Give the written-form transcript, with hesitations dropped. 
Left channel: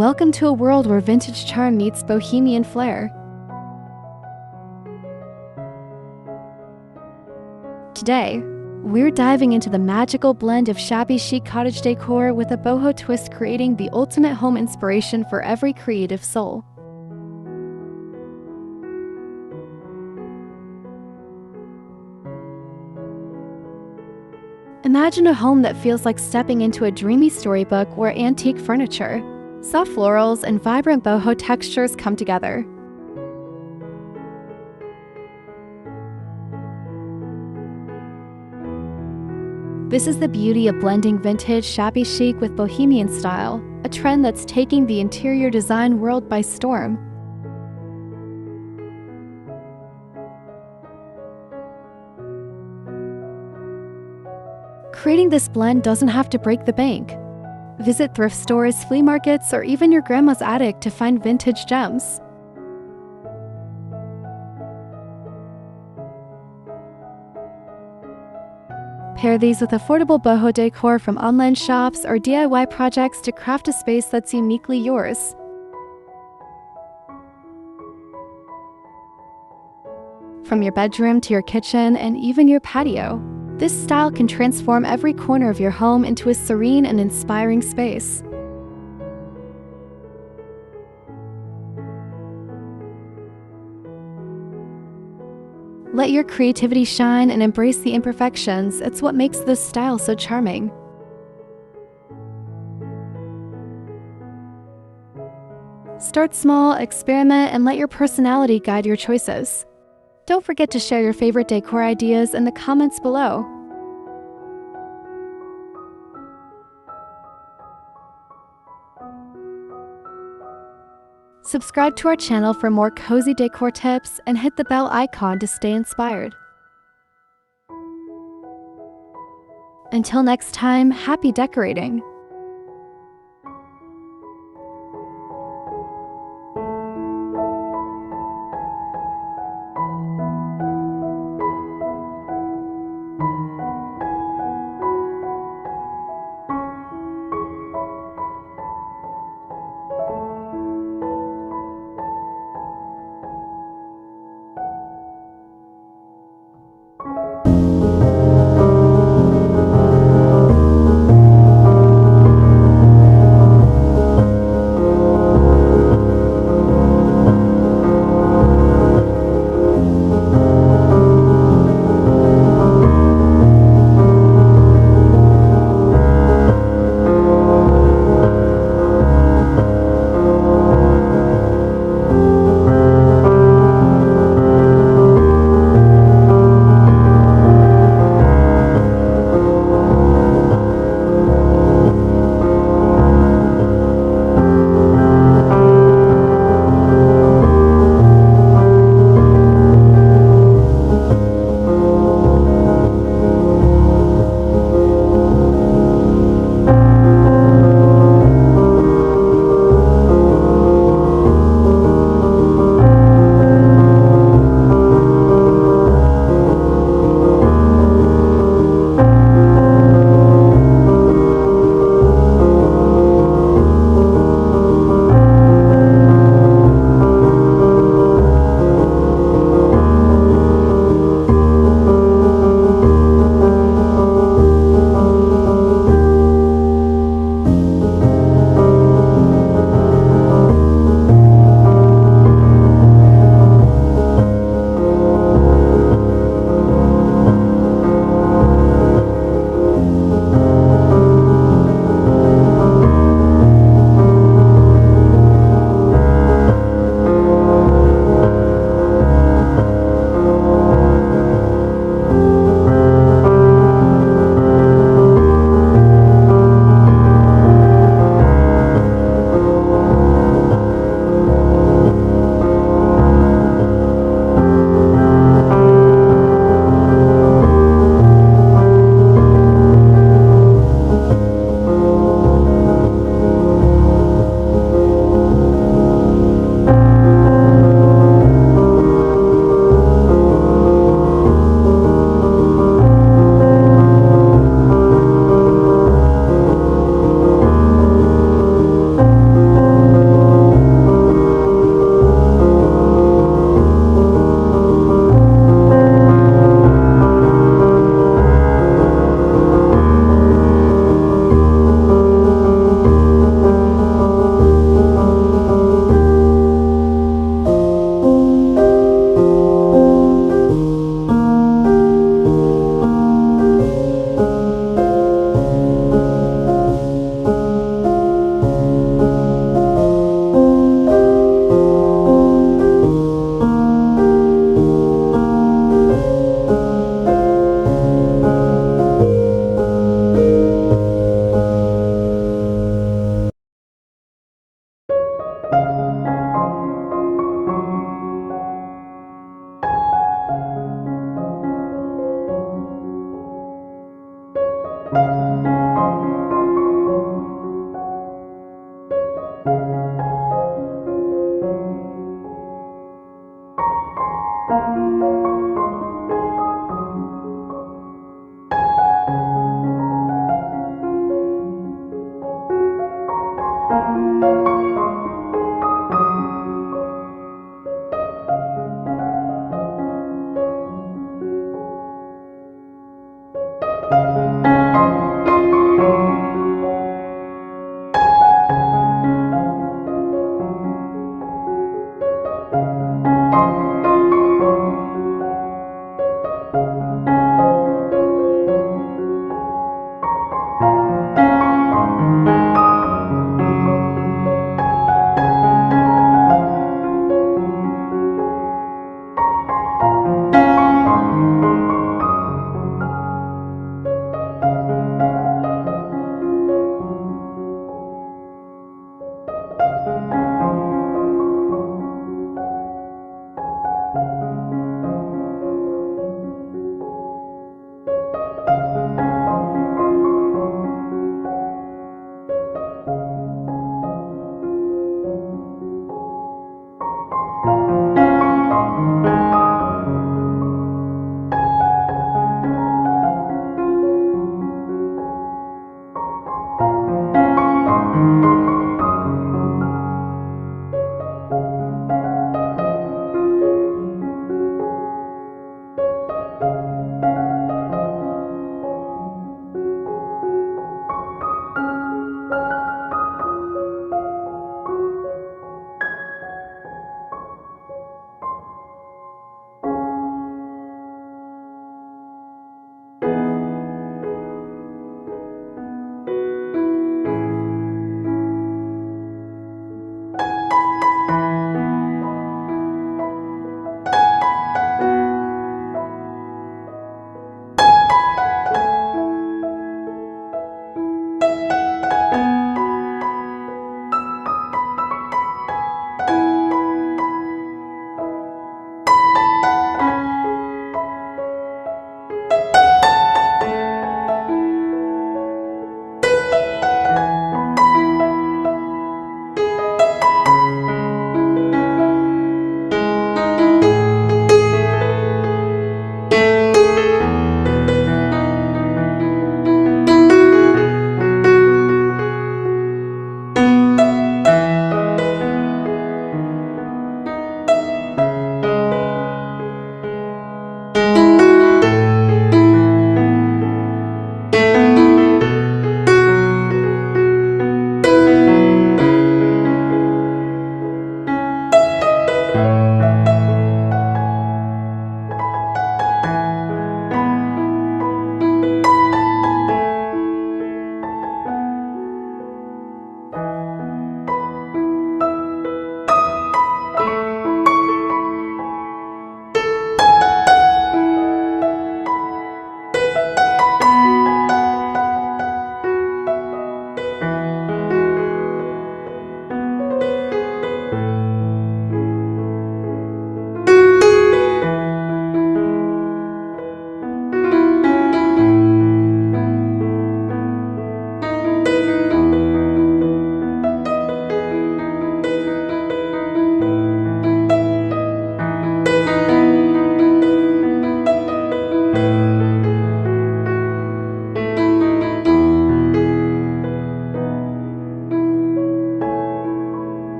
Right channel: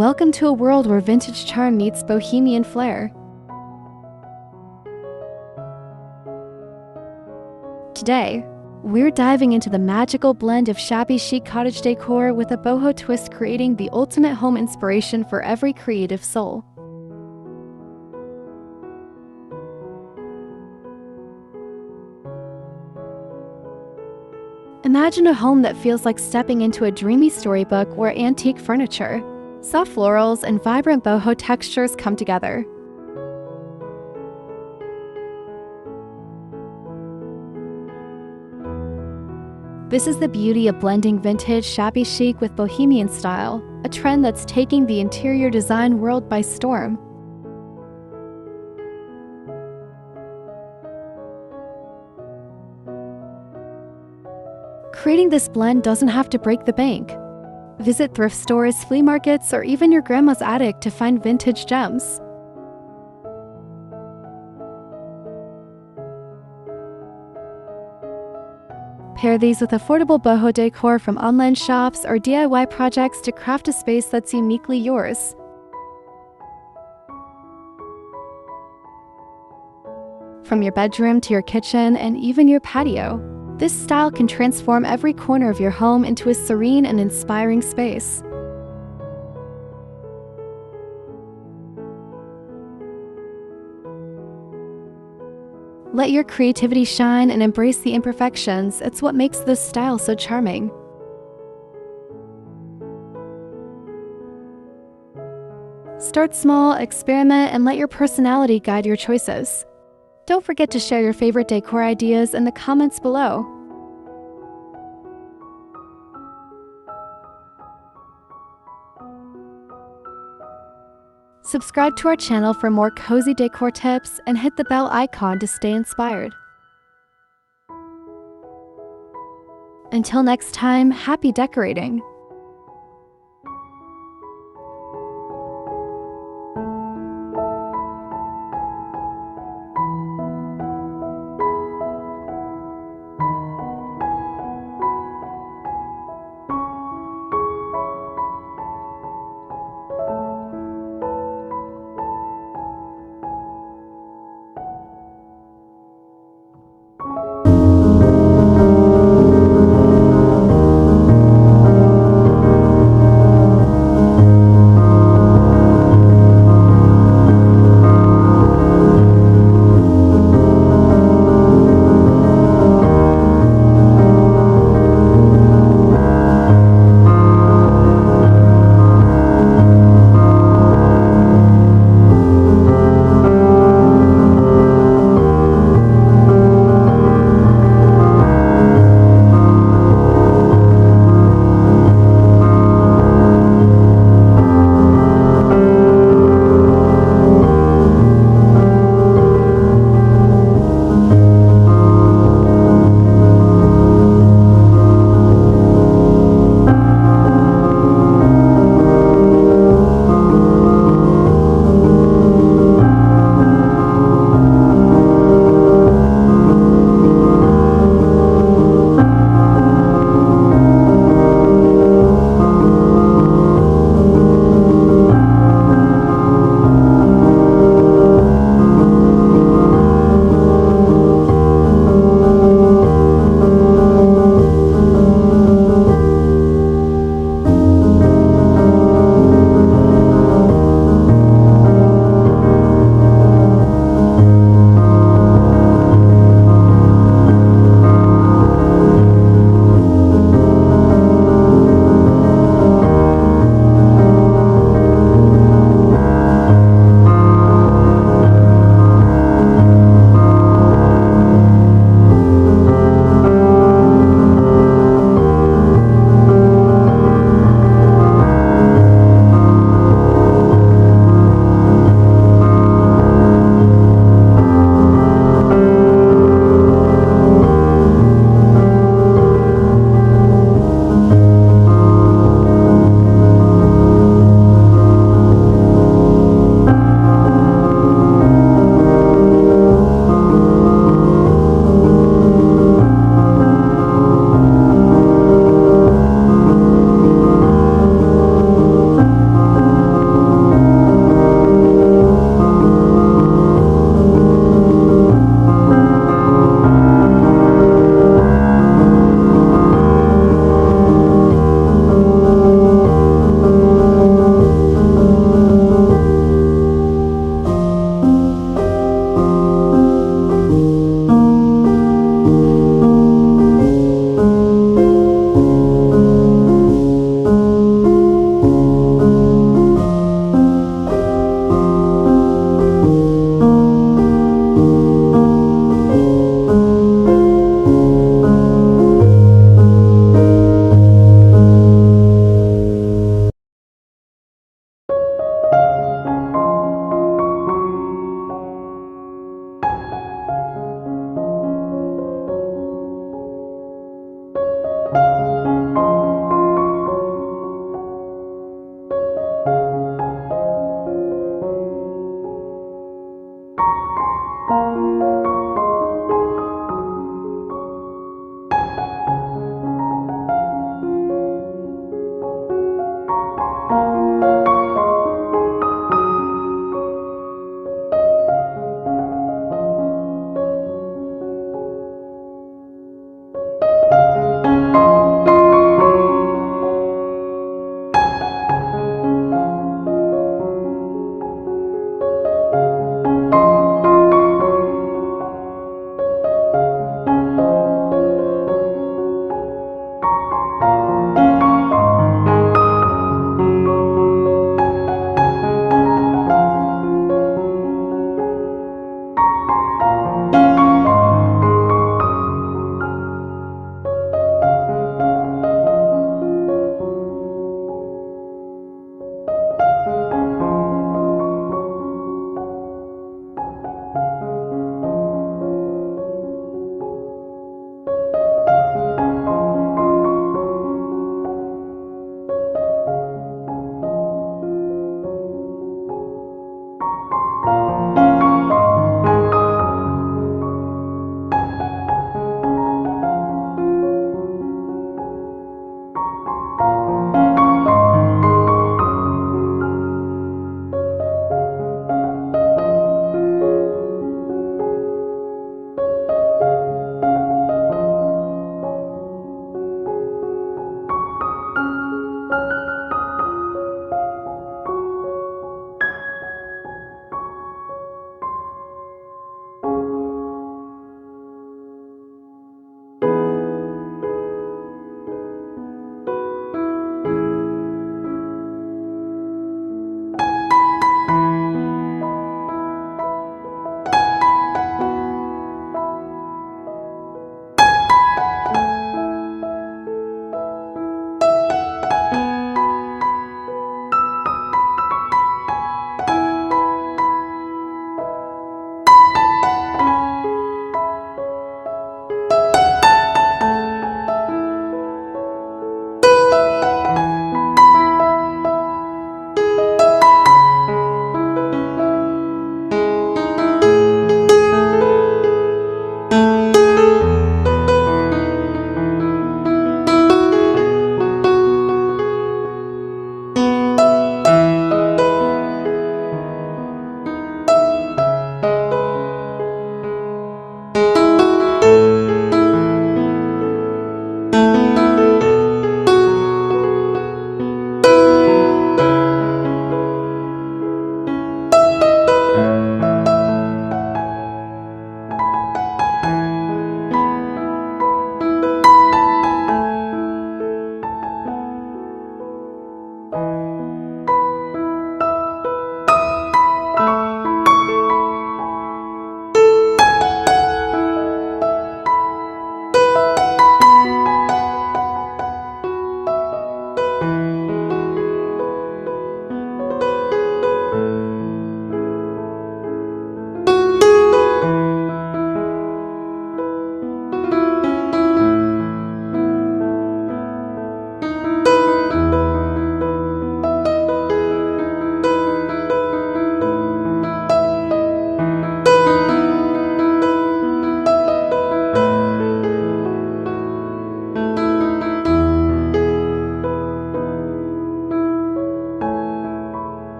Welcome to a world where vintage charm meets bohemian flair. Today, we're diving into the magical blend of shabby chic cottage decor with a boho twist, creating the ultimate home inspiration for every creative soul. Imagine a home that feels like stepping into a dreamy storybook where antique furniture, soft florals, and vibrant boho textures come together. This is the beauty of blending vintage shabby chic with bohemian style, a trend that's taking the interior design world by storm. Creating this blend doesn't have to break the bank. Visit thrift stores, flea markets, or even your grandma's attic to find vintage gems. Pair these with affordable boho decor from online shops or DIY projects to craft a space that's uniquely yours. From your bedroom to your kitchen and even your patio, this style can transform every corner of your home into a serene and inspiring space. Let your creativity shine and embrace the imperfections. It's what makes this style so charming. Start small, experiment, and let your personality guide your choices. Don't forget to share your favorite decor ideas in the comments below. Subscribe to our channel for more cozy decor tips and hit the bell icon to stay inspired. Until next time, happy decorating!